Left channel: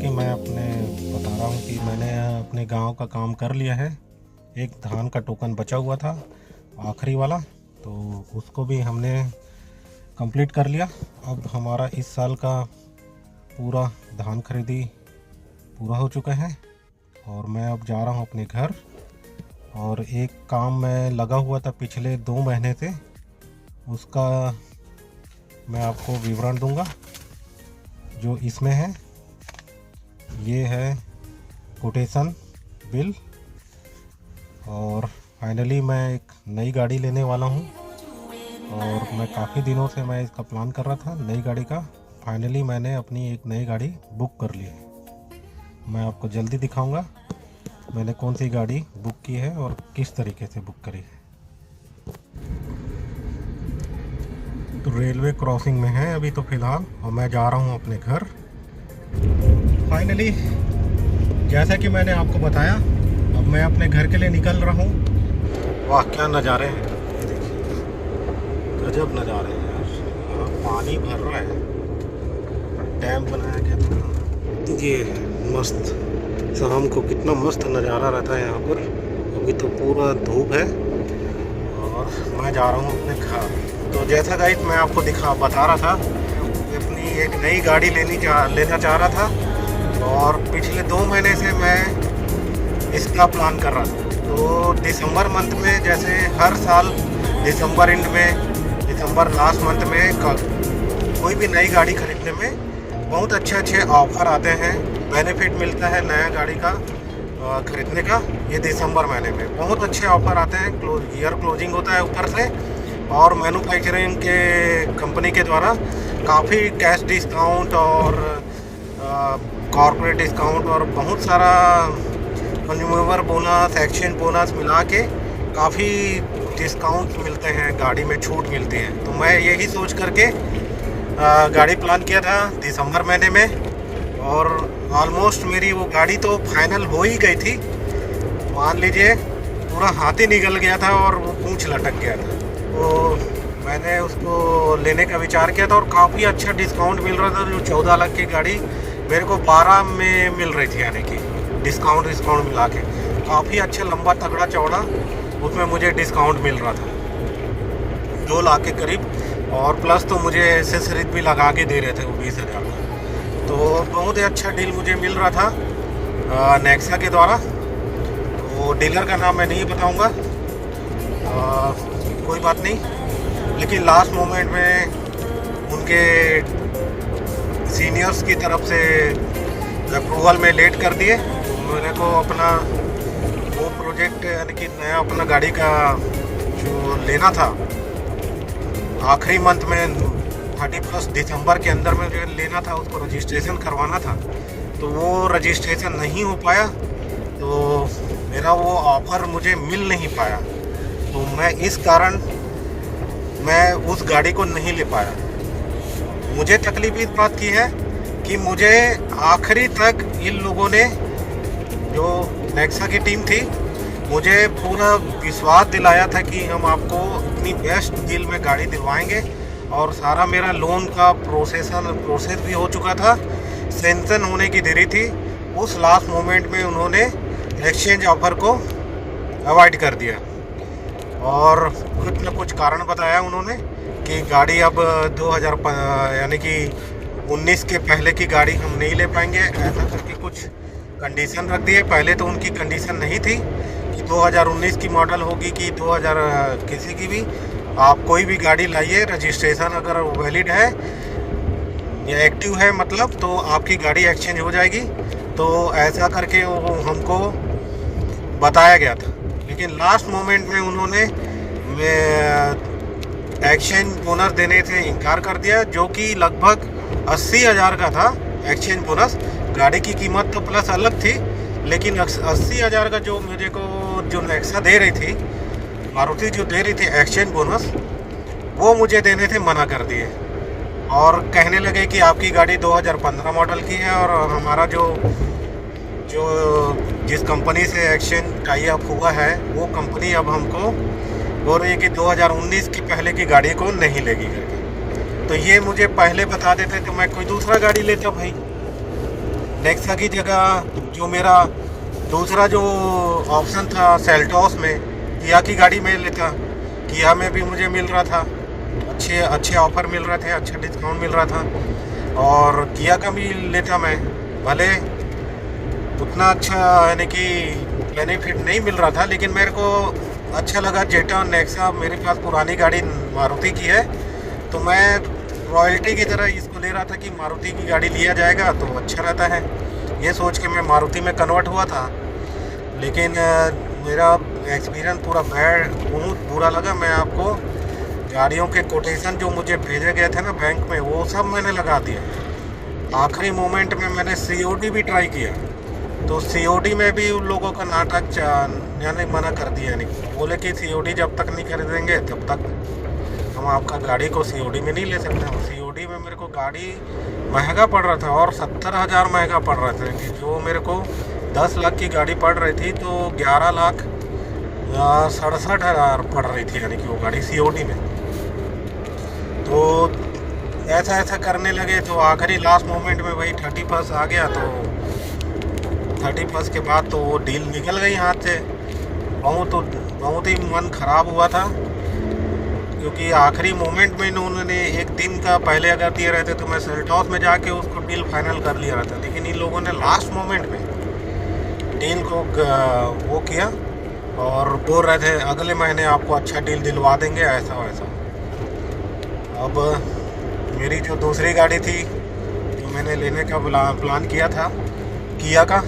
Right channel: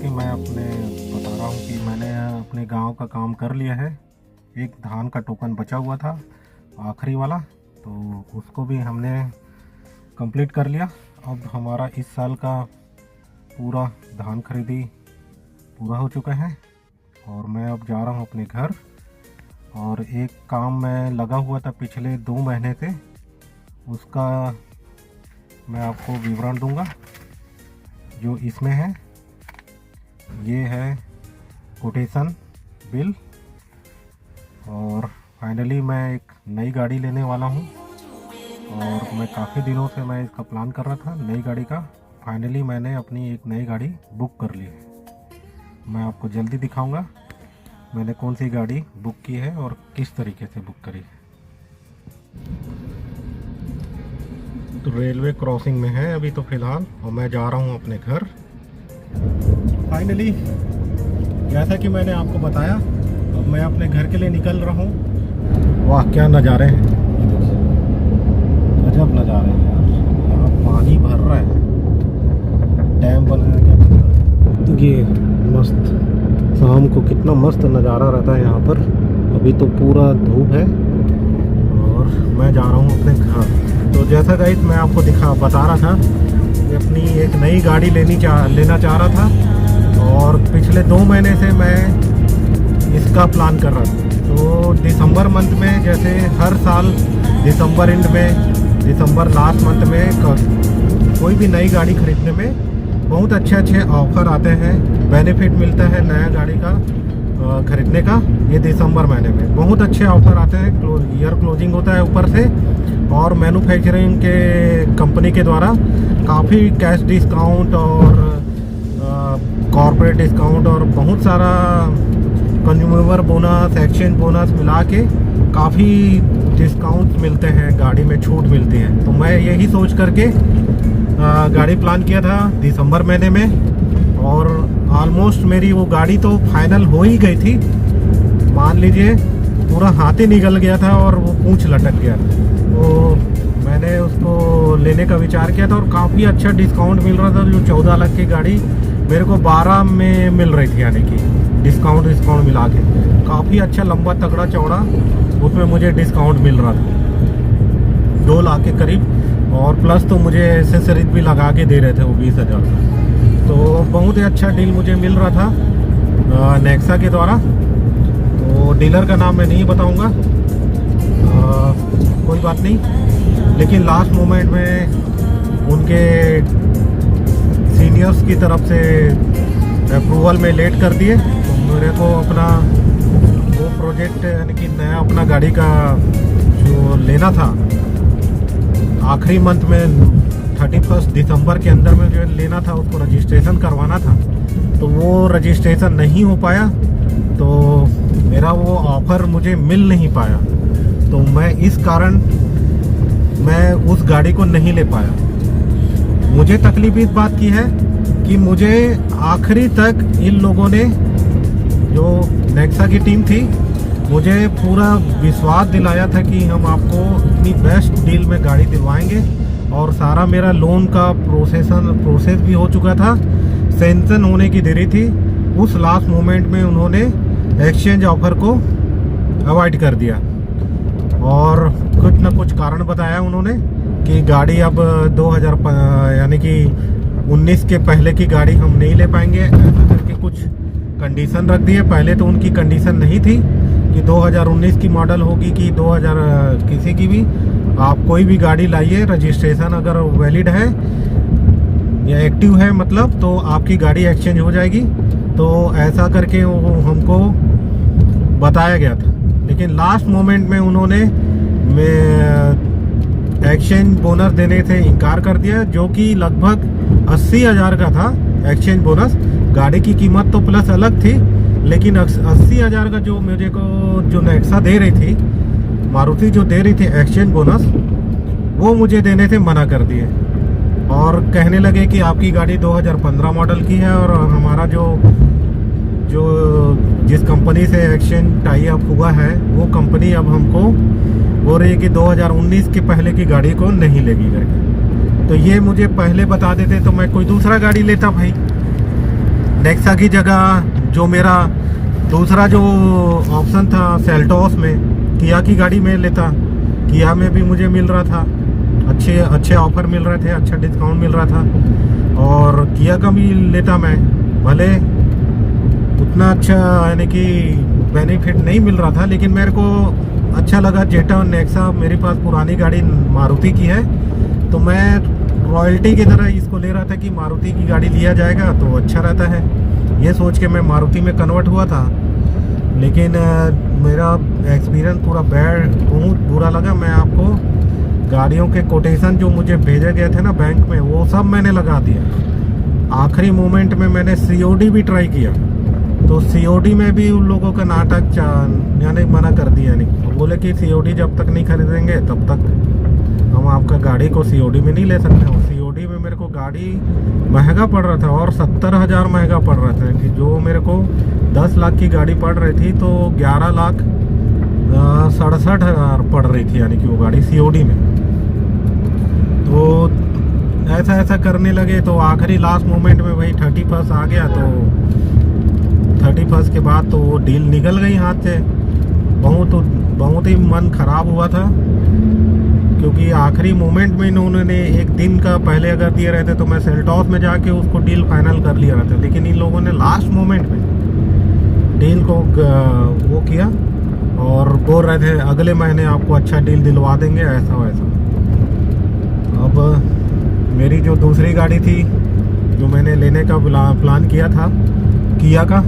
कि मैं अपने बता रहा हूँ कि मैंने अपने गांव का काम कर लिया है। एक धान का टोकन बचा हुआ था, आखिरी वाला, तो उसको भी हमने कंप्लीट कर लिया। अब हमारा इस साल का पूरा धान खरीदी पूरा हो चुका है और मैं अब जा रहा हूँ अपने घर। और एक काम मैं लगा हुआ था पिछले 2 महीने से, उसका मैं आपको विवरण दूंगा जो इसमें है। ये है कोटेशन बिल और फाइनली मैं एक नई गाड़ी लेने वाला हूँ और मैं काफ़ी दिनों से मैं इसका प्लान कर रहा था नई गाड़ी का। फाइनली मैंने अपनी एक नई गाड़ी बुक कर ली है। मैं आपको जल्दी दिखाऊंगा मैंने कौन सी गाड़ी बुक की है और किस तरीके से बुक करी है। तो रेलवे क्रॉसिंग में है अभी तो फ़िलहाल और मैं जा रहा हूँ अपने घर। फाइनली जैसा कि मैंने आपको बताया, अब मैं अपने घर के लिए निकल रहा हूँ। वाह क्या नज़ारे हैं, गजब नज़ारे हैं यार। यहाँ पानी भर रहा है, डैम बनाया गया। ये मस्त, शाम को कितना मस्त नज़ारा रहता है यहाँ पर। अभी तो पूरा धूप है और मैं जा रहा हूँ अपने घर। तो जैसा गाइड मैं आपको बता रहा था कि अपनी एक नई गाड़ी लेना चाह रहा था और पिछले 2 महीने से मैं इसका प्लान कर रहा था। तो दिसंबर मंथ में, जैसे हर साल दिसंबर एंड में, दिसंबर लास्ट मंथ में कोई भी नई गाड़ी खरीदने में बहुत अच्छे ऑफ़र आते हैं, बेनिफिट मिलता है नया गाड़ी का खरीदने का। ये दिसंबर महीने में बहुत अच्छे ऑफ़र आते हैं। ईयर क्लोजिंग होता है ऊपर से और मैन्युफैक्चरिंग के कंपनी के द्वारा काफ़ी कैश डिस्काउंट और कॉर्पोरेट डिस्काउंट और बहुत सारा कंज्यूमर बोनस, एक्सचेंज बोनस मिला के काफ़ी डिस्काउंट मिलते हैं, गाड़ी में छूट मिलती है। तो मैं यही सोच करके गाड़ी प्लान किया था दिसंबर महीने में और ऑलमोस्ट मेरी वो गाड़ी तो फाइनल हो ही गई थी। मान लीजिए पूरा हाथ ही निकल गया था और वो पूंछ लटक गया था। तो मैंने उसको लेने का विचार किया था और काफ़ी अच्छा डिस्काउंट मिल रहा था। जो 14 लाख की गाड़ी मेरे को 12 में मिल रही थी, यानी कि डिस्काउंट मिला के काफ़ी अच्छा लंबा तगड़ा चौड़ा उसमें मुझे डिस्काउंट मिल रहा था 2 लाख के करीब। और प्लस तो मुझे एसेसरीज भी लगा के दे रहे थे वो 20,000 का। तो बहुत ही अच्छा डील मुझे मिल रहा था नेक्सा के द्वारा। तो डीलर का नाम मैं नहीं बताऊंगा, कोई बात नहीं, लेकिन लास्ट मोमेंट में उनके सीनियर्स की तरफ से अप्रूवल में लेट कर दिए। तो मेरे को अपना वो प्रोजेक्ट, यानी कि नया अपना गाड़ी का जो लेना था आखिरी मंथ में 31 दिसंबर के अंदर में जो लेना था, उसको रजिस्ट्रेशन करवाना था। तो वो रजिस्ट्रेशन नहीं हो पाया, तो मेरा वो ऑफ़र मुझे मिल नहीं पाया। तो मैं इस कारण मैं उस गाड़ी को नहीं ले पाया। मुझे तकलीफ इस बात की है कि मुझे आखिरी तक इन लोगों ने, जो नेक्सा की टीम थी, मुझे पूरा विश्वास दिलाया था कि हम आपको इतनी बेस्ट डील में गाड़ी दिलवाएंगे। और सारा मेरा लोन का प्रोसेस भी हो चुका था, सैंक्शन होने की देरी थी। उस लास्ट मोमेंट में उन्होंने एक्सचेंज ऑफ़र को अवॉइड कर दिया और कुछ न कुछ कारण बताया उन्होंने कि गाड़ी अब 2000 यानी कि 19 के पहले की गाड़ी हम नहीं ले पाएंगे, ऐसा करके कुछ कंडीशन रख दिए। पहले तो उनकी कंडीशन नहीं थी कि 2019 की मॉडल होगी कि 2000 किसी की भी, आप कोई भी गाड़ी लाइए, रजिस्ट्रेशन अगर वैलिड है या एक्टिव है मतलब, तो आपकी गाड़ी एक्सचेंज हो जाएगी। तो ऐसा करके वो हमको बताया गया था। लेकिन लास्ट मोमेंट में उन्होंने एक्सचेंज बोनस देने से इनकार कर दिया, जो कि लगभग 80,000 का था एक्सचेंज बोनस। गाड़ी की कीमत तो प्लस अलग थी, लेकिन 80,000 का जो मुझे को जो नेक्सा दे रही थी, मारुति जो दे रही थी एक्सचेंज बोनस, वो मुझे देने से मना कर दिए और कहने लगे कि आपकी गाड़ी 2015 मॉडल की है और हमारा जिस कंपनी से एक्सचेंज टाई अप हुआ है वो कंपनी अब हमको बोल रही है कि 2019 के पहले की गाड़ी को नहीं लेगी करके। तो ये मुझे पहले बता देते तो मैं कोई दूसरा गाड़ी लेता भाई। नेक्सा की जगह जो मेरा दूसरा जो ऑप्शन था सेल्टोस में, किया की गाड़ी में लेता। किया में भी मुझे मिल रहा था, अच्छे ऑफर मिल रहे थे, अच्छा डिस्काउंट मिल रहा था। और किया का भी लेता मैं, भले उतना अच्छा यानी कि बेनिफिट नहीं मिल रहा था, लेकिन मेरे को अच्छा लगा। जेटा और नेक्सा मेरे पास पुरानी गाड़ी मारुति की है, तो मैं रॉयल्टी की तरह इसको ले रहा था कि मारुति की गाड़ी लिया जाएगा तो अच्छा रहता है, ये सोच के मैं मारुति में कन्वर्ट हुआ था। लेकिन मेरा एक्सपीरियंस पूरा बहुत बुरा लगा। मैं आपको गाड़ियों के कोटेशन जो मुझे भेजे गए थे ना बैंक में, वो सब मैंने लगा दिया। आखिरी मोमेंट में मैंने COD भी ट्राई किया, तो COD में भी उन लोगों का नाटक यानी मना कर दिया। यानी बोले कि COD जब तक नहीं खरीदेंगे तब तक हम आपका गाड़ी को COD में नहीं ले सकते। और COD में मेरे को गाड़ी महंगा पड़ रहा था, और 70,000 महंगा पड़ रहा था। कि जो मेरे को 10 लाख की गाड़ी पड़ रही थी, तो 11,67,000 पड़ रही थी, यानी कि वो गाड़ी COD में। तो ऐसा करने लगे, तो आखिरी लास्ट मोमेंट में वही 31 आ गया। तो 31 के बाद तो वो डील निकल गई हाथ से। बहुत ही मन ख़राब हुआ था, क्योंकि आखिरी मोमेंट में इन्होंने एक दिन का पहले अगर दिए रहते तो मैं सेल्टोस में जाके उसको डील फाइनल कर लिया रहता। लेकिन इन लोगों ने लास्ट मोमेंट में डील को वो किया, और बोल रहे थे अगले महीने आपको अच्छा डील दिलवा देंगे, ऐसा वैसा। अब मेरी जो दूसरी गाड़ी थी, जो मैंने लेने का प्लान किया था किया का,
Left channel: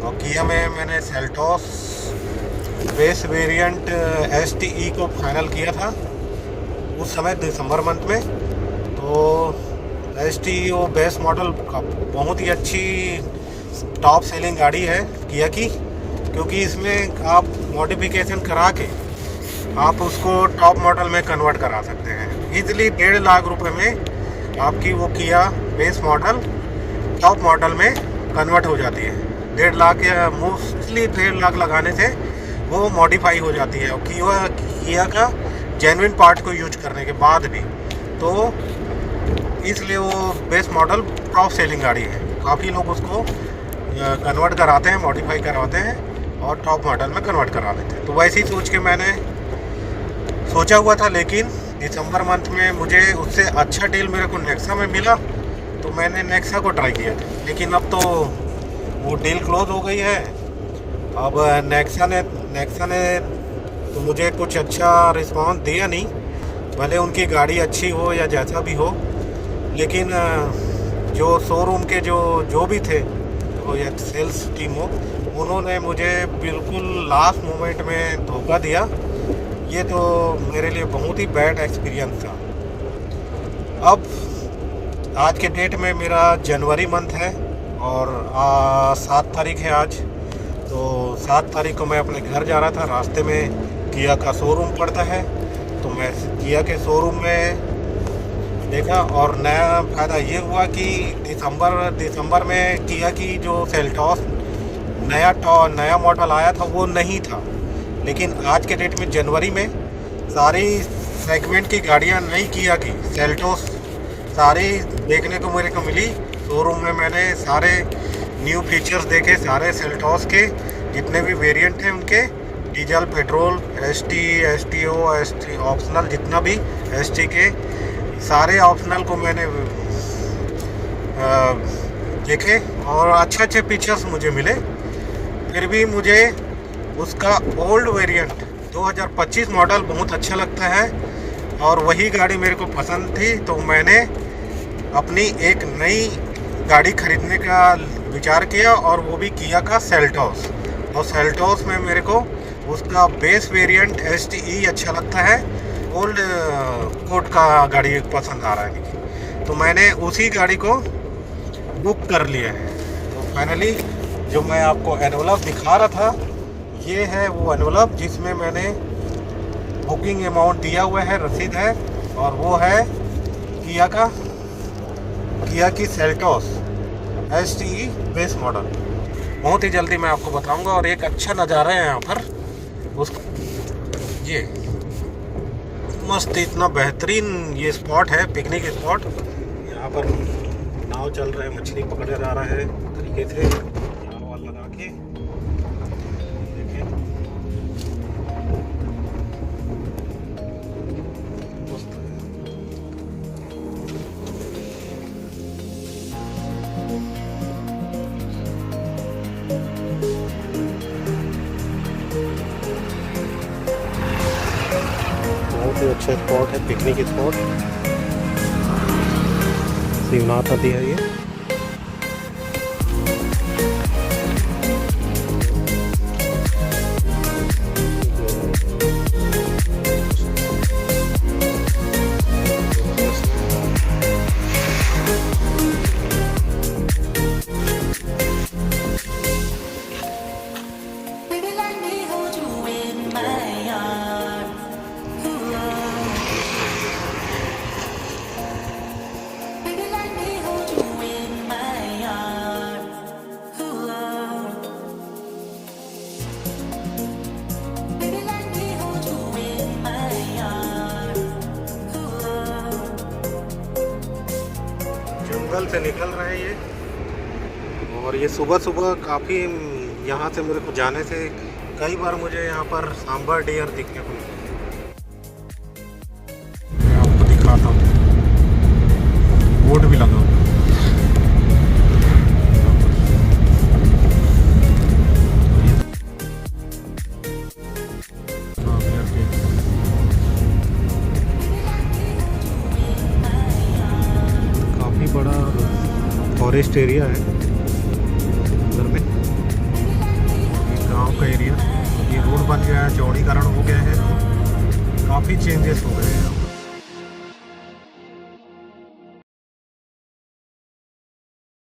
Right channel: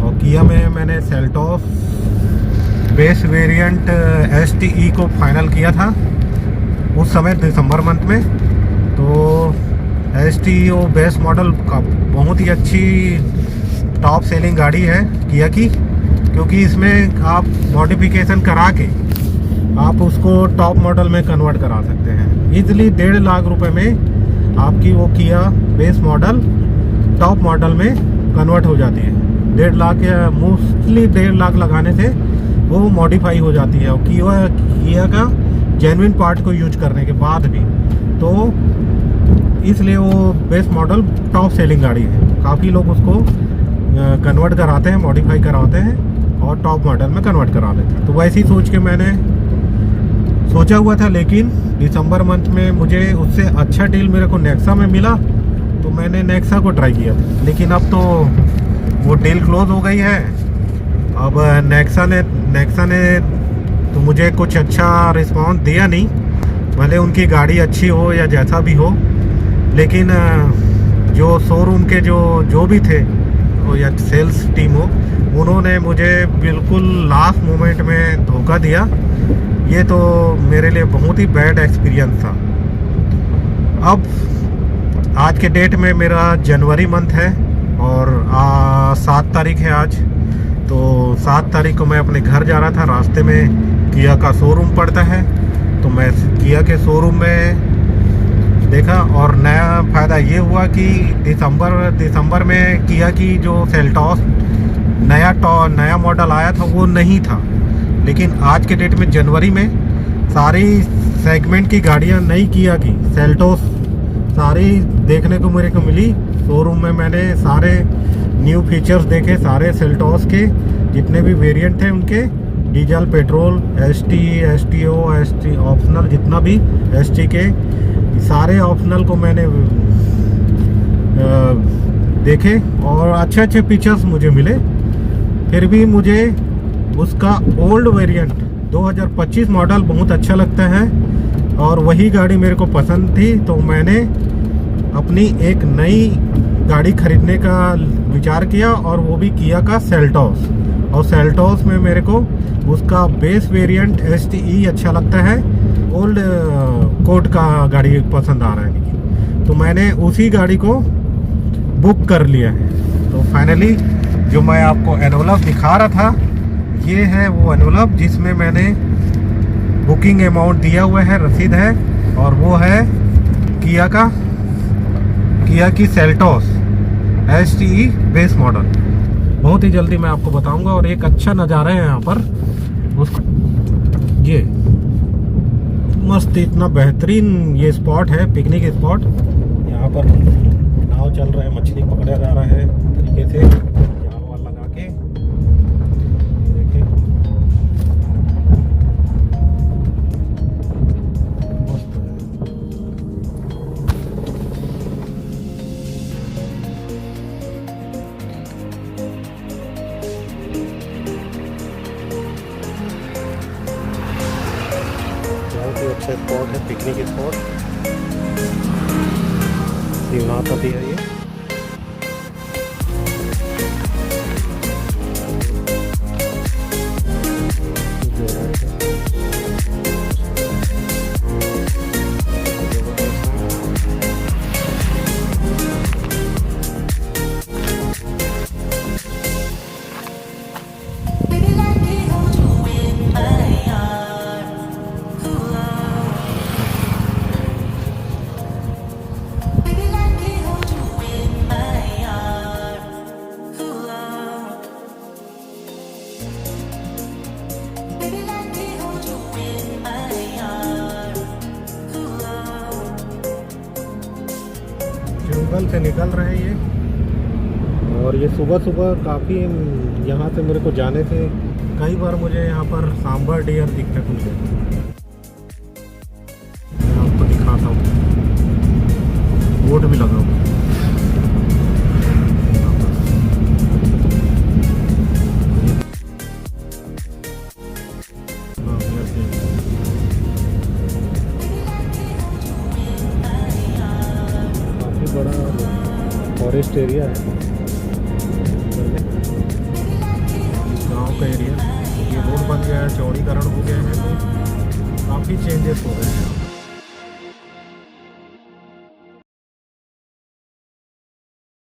और किया में मैंने सेल्टोस बेस वेरिएंट STE को फाइनल किया था उस समय दिसंबर मंथ में। तो STE वो बेस मॉडल का बहुत ही अच्छी टॉप सेलिंग गाड़ी है किया की, क्योंकि इसमें आप मॉडिफिकेशन करा के आप उसको टॉप मॉडल में कन्वर्ट करा सकते हैं ईजिली। 1.5 लाख रुपए में आपकी वो किया बेस मॉडल टॉप मॉडल में कन्वर्ट हो जाती है। 1.5 लाख या मोस्टली 1.5 लाख लगाने से वो मॉडिफाई हो जाती है, और किया का जेन्युइन पार्ट को यूज करने के बाद भी। तो इसलिए वो बेस मॉडल टॉप सेलिंग गाड़ी है। काफ़ी लोग उसको कन्वर्ट कराते हैं, मॉडिफाई करवाते हैं और टॉप मॉडल में कन्वर्ट करा लेते हैं। तो वैसे ही सोच के मैंने सोचा हुआ था, लेकिन दिसंबर मंथ में मुझे उससे अच्छा डील मेरे को नेक्सा में मिला, तो मैंने नेक्सा को ट्राई किया था। लेकिन अब तो वो डील क्लोज हो गई है। अब नेक्सा ने तो मुझे कुछ अच्छा रिस्पांस दिया नहीं, भले उनकी गाड़ी अच्छी हो या जैसा भी हो। लेकिन जो शोरूम के जो भी थे, तो या सेल्स टीम हो, उन्होंने मुझे बिल्कुल लास्ट मोमेंट में धोखा दिया। ये तो मेरे लिए बहुत ही बैड एक्सपीरियंस था। अब आज के डेट में मेरा जनवरी मंथ है, और 7 तारीख है आज। तो 7 तारीख को मैं अपने घर जा रहा था, रास्ते में किया का शोरूम पड़ता है, तो मैं किया के शोरूम में देखा। और नया फ़ायदा ये हुआ कि दिसंबर में किया की जो सेल्टोस नया मॉडल आया था वो नहीं था। लेकिन आज के डेट में जनवरी में सारी सेगमेंट की गाड़ियां नई किया की सेल्टोस सारी देखने को मेरे को मिली शोरूम में। मैंने सारे न्यू फीचर्स देखे, सारे सेल्टोस के जितने भी वेरिएंट हैं उनके, diesel, petrol, ST, STO, ST optional, जितना भी ST के सारे ऑप्शनल को मैंने देखे, और अच्छे अच्छे फीचर्स मुझे मिले। फिर भी मुझे उसका ओल्ड वेरिएंट 2025 मॉडल बहुत अच्छा लगता है, और वही गाड़ी मेरे को पसंद थी। तो मैंने अपनी एक नई गाड़ी खरीदने का विचार किया, और वो भी किया का सेल्टोस। और सेल्टोस में मेरे को उसका बेस वेरिएंट STE अच्छा लगता है, ओल्ड कोड का गाड़ी पसंद आ रहा है। तो मैंने उसी गाड़ी को बुक कर लिया है। तो फाइनली जो मैं आपको एनवलप दिखा रहा था, ये है वो एनवलप जिसमें मैंने बुकिंग अमाउंट दिया हुआ है, रसीद है, और वो है किया की सेल्टोस STE बेस मॉडल। बहुत ही जल्दी मैं आपको बताऊंगा। और एक अच्छा नज़ारा है यहाँ पर, उसको ये मस्त इतना बेहतरीन ये स्पॉट है, पिकनिक स्पॉट। यहाँ पर नाव चल रहा है, मछली पकड़ा जा रहा है तरीके रखे थे जाल वाल लगा के। देखें मस्त है। बहुत ही अच्छा स्पॉट है, पिकनिक स्पॉट। शिवनाथ नदी है ये। जंगल से निकल रहे हैं ये, और ये सुबह सुबह काफ़ी, यहाँ से मेरे को जाने से कई बार मुझे यहाँ पर सांबर डियर दिखने को मिले। मैं आपको दिखाता हूँ, बोर्ड भी लगा हुआ है यहाँ पर। हाँ, काफ़ी बड़ा फॉरेस्ट एरिया है उधर में, गांव का एरिया। ये रोड बन गया है, चौड़ीकरण हो गया है, तो काफ़ी चेंजेस हो गए हैं यहाँ।